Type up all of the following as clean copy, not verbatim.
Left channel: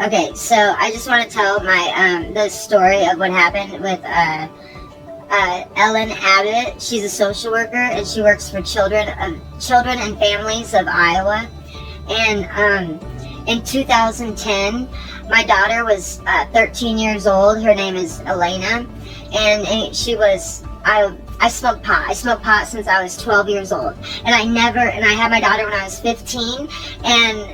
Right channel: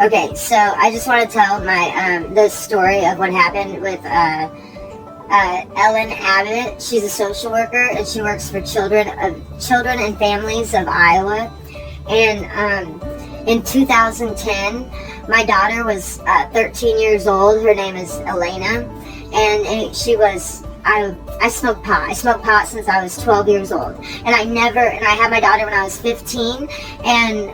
Okay, so I just want to tell my the story of what happened with Ellen Abbott. She's a social worker and she works for children and families of Iowa. And in 2010, my daughter was 13 years old. Her name is Elena, and she was. I smoked pot. I smoked pot since I was 12 years old, and I had my daughter when I was 15, and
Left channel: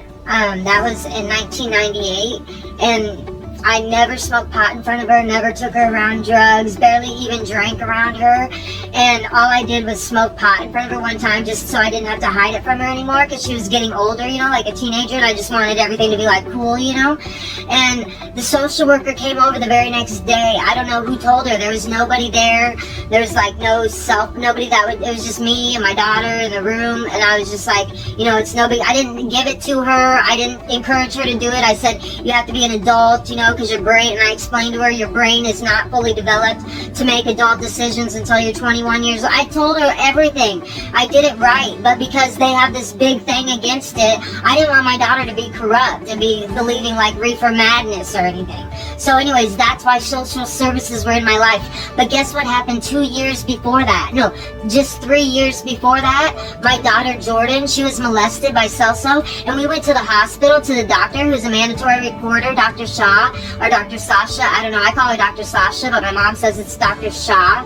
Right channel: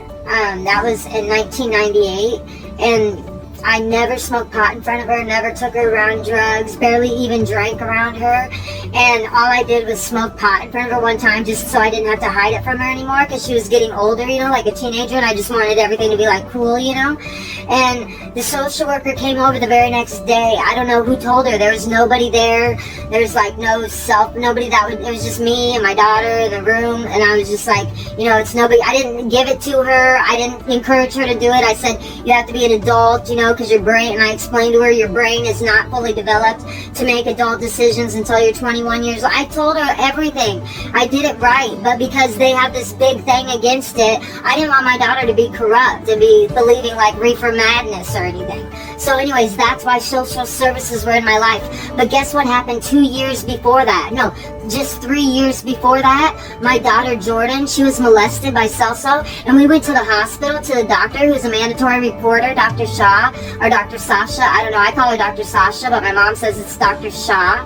that was in 1998, and I never smoked pot in front of her, never took her around drugs, barely even drank around her, and all I did was smoke pot in front of her one time just so I didn't have to hide it from her anymore, because she was getting older, you know, like a teenager, and I just wanted everything to be like cool, you know. And the social worker came over the very next day. I don't know who told her. There was nobody there. There was like nobody it was just me and my daughter in the room, and I was just like, you know, it's nobody. I didn't give it to her. I didn't encourage her to do it. I said, you have to be an adult, you know, because your brain, and I explained to her, your brain is not fully developed to make adult decisions until you're 21 years old. I told her everything. I did it right, but because they have this big thing against it, I didn't want my daughter to be corrupt and be believing like reefer madness or anything. So anyways, that's why social services were in my life. But guess what happened 2 years before that? No, just 3 years before that, my daughter Jordan, she was molested by Celso, and we went to the hospital to the doctor, who's a mandatory reporter, Dr. Shaw, or Dr. Sasha, I don't know, I call her Dr. Sasha, but my mom says it's Dr. Shaw.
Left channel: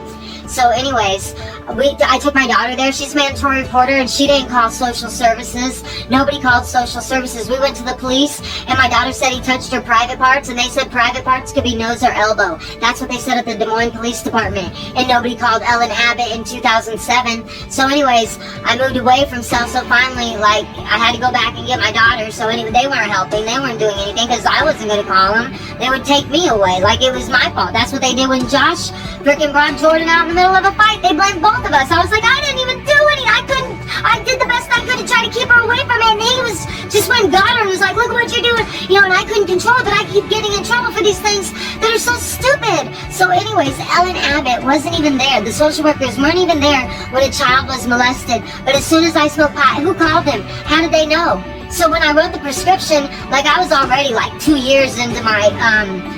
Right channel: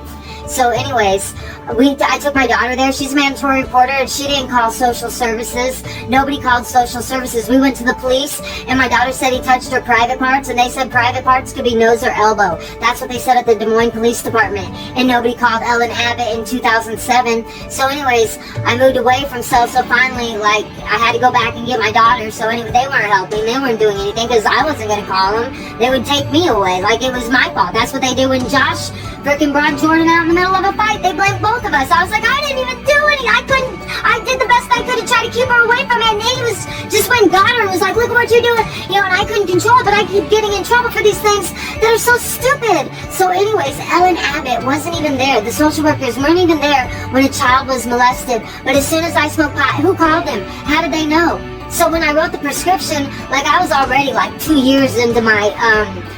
So anyways, I took my daughter there. She's a mandatory reporter, and she didn't call social services. Nobody called social services. We went to the police, and my daughter said he touched her private parts, and they said private parts could be nose or elbow. That's what they said at the Des Moines Police Department, and nobody called Ellen Abbott in 2007. So anyways, I moved away from Celso finally. Like, I had to go back and get my daughter, so anyway, they weren't helping. They weren't doing anything because I wasn't going to call them. They would take me away like it was my fault. That's what they did when Josh freaking brought Jordan out in the middle of a fight. They blamed both of us. I was like, I didn't even do anything. I did the best I could to try to keep her away from it. And Nate was just went and got her and was like, look what you're doing. You know, and I couldn't control it, but I keep getting in trouble for these things that are so stupid. So anyways, Ellen Abbott wasn't even there. The social workers weren't even there when a child was molested. But as soon as I smoked pot, who called them? How did they know? So when I wrote the prescription, like I was already like 2 years into my,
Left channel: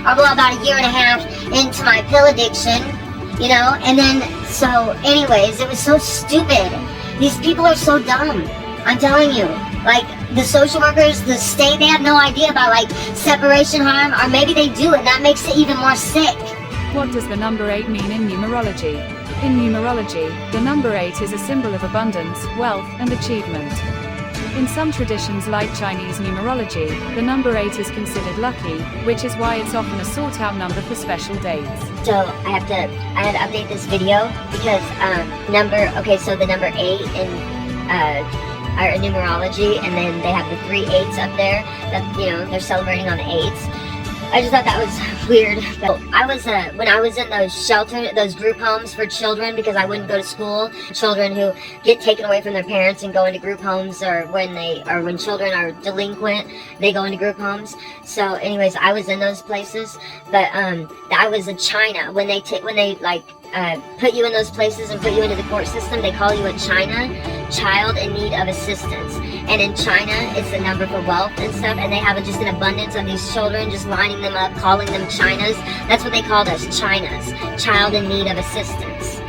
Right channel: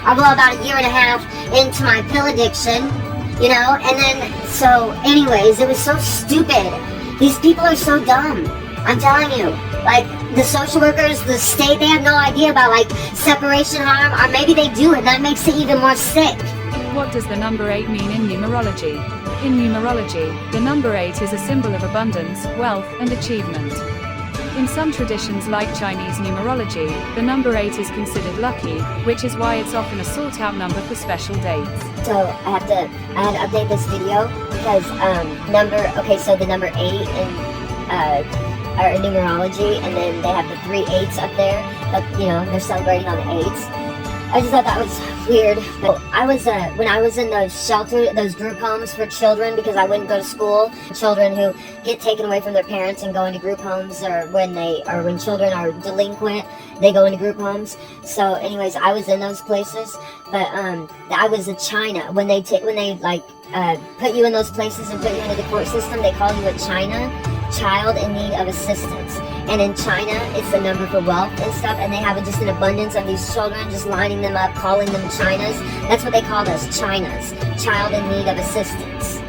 well, about a year and a half into my pill addiction, you know, and then, so anyways, it was so stupid. These people are so dumb. I'm telling you. Like, the social workers, the state, they have no idea about, like, separation harm, or maybe they do, and that makes it even more sick. What does the number 8 mean in numerology? In numerology, the number 8 is a symbol of abundance, wealth, and achievement. In some traditions like Chinese numerology, the number 8 is considered lucky, which is why it's often a sought-out number for special dates. So I had to update this video because so the number 8 in numerology, and then they have the 3 8s up there that, you know, they're celebrating on the 8s. I just thought that was weird. I was when I was in those group homes for children, because I wouldn't go to school. Children who get taken away from their parents and go into group homes, or when children are delinquent, they go into group homes. So, anyways, I was in those places, but I was in China when they put you in those places and put you into the court system. They call you a child in need of assistance. And in China, it's the number for wealth and stuff, and they have just an abundance of these children, just lining them up, calling them Chinas. That's what they called us, Chinas, child in need of assistance.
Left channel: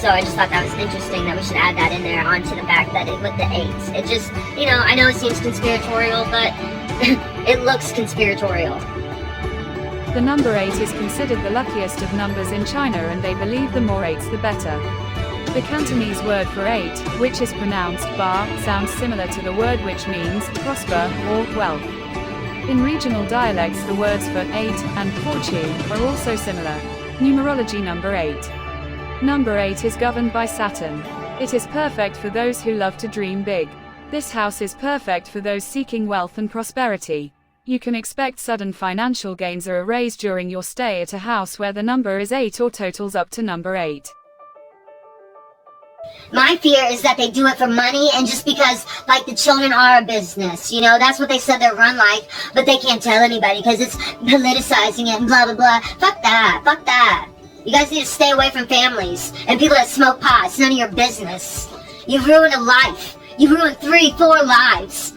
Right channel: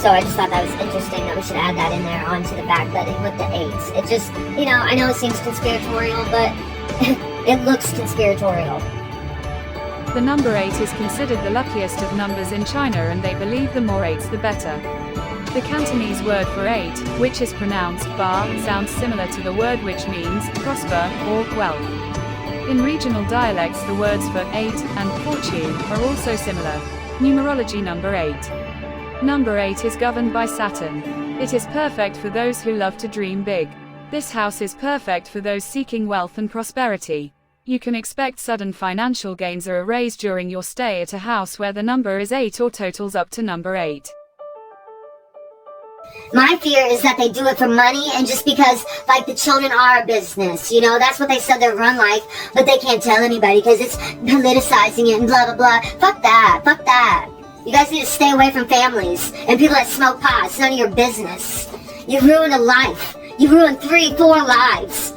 So I just thought that was interesting that we should add that in there onto the fact that it with the 8s. It just, you know, I know it seems conspiratorial, but it looks conspiratorial. The number 8 is considered the luckiest of numbers in China, and they believe the more 8s the better. The Cantonese word for 8, which is pronounced ba, sounds similar to the word which means prosper or wealth. In regional dialects, the words for 8 and fortune are also similar. Numerology number 8. Number 8 is governed by Saturn. It is perfect for those who love to dream big. This house is perfect for those seeking wealth and prosperity. You can expect sudden financial gains or a raise during your stay at a house where the number is 8 or totals up to number 8. My fear is that they do it for money, and just because, like, the children are a business, you know, that's what they said they're run like, but they can't tell anybody because it's politicizing it and blah, blah, blah. Fuck that. You guys need to stay away from families and people that smoke pot. It's none of your business. You ruined a life. You ruined 3, 4 lives.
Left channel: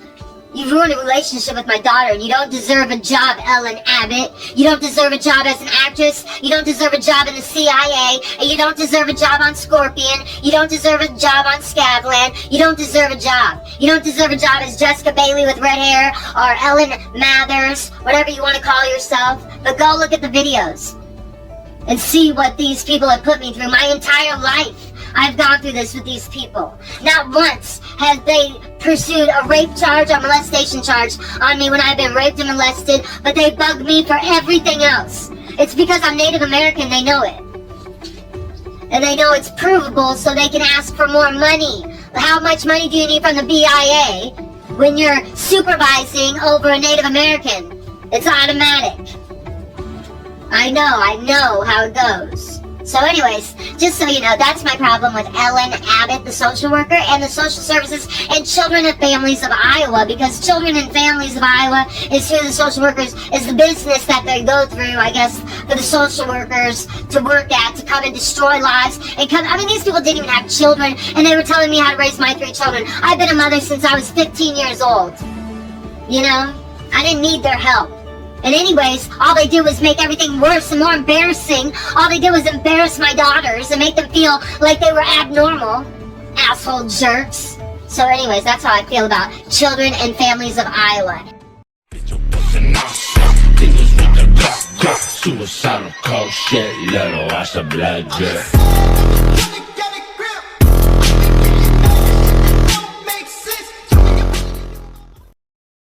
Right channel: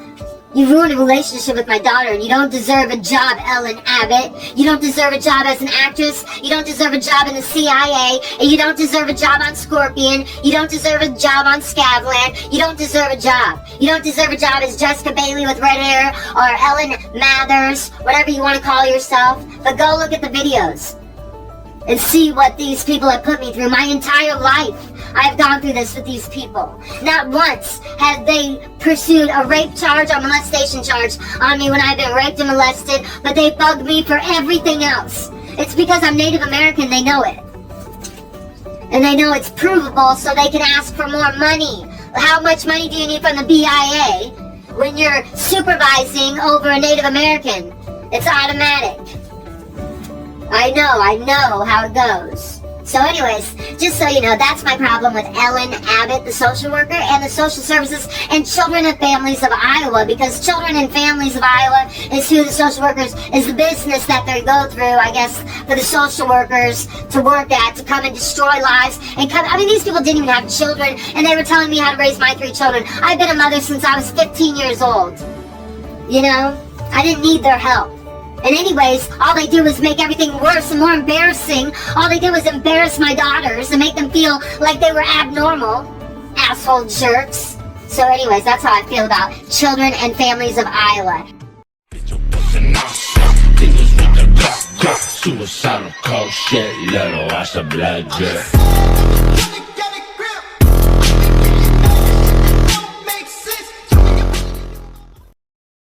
You ruined a relationship with my daughter, and you don't deserve a job, Ellen Abbott. You don't deserve a job as an actress. You don't deserve a job in the CIA. And you don't deserve a job on Scorpion. You don't deserve a job on Scavland. You don't deserve a job. You don't deserve a job as Jessica Bailey with red hair, or Ellen Mathers, whatever you want to call yourself. But go look at the videos and see what these people have put me through. My entire life, I've gone through this with these people. Not once have they pursued a rape charge or molestation charge on me when I've been raped and molested, but they bug me for everything else. It's because I'm Native American, they know it. And they know it's provable, so they can ask for more money. How much money do you need from the BIA when you're supervising over a Native American? It's automatic. I know how it goes. So anyways, just so you know, that's my problem with Ellen Abbott, the social worker, and the social services and children and families of Iowa, because children and families of Iowa is who the social workers, is the business that they go through, I guess, for the social workers to work at, to come and destroy lives, and come, I mean, these people didn't even have children, and they were telling me how to raise my 3 children. I've been a mother since I was 15 years old. You know? I didn't need their help. And anyways, all they do is make everything worse and more embarrassing. All they do is embarrass my daughters and make them feel like they were abnormal. Asshole jerks. So anyways, that's how I feel about children and families of Iowa. Suicidal cold shit, little, I should blood drip.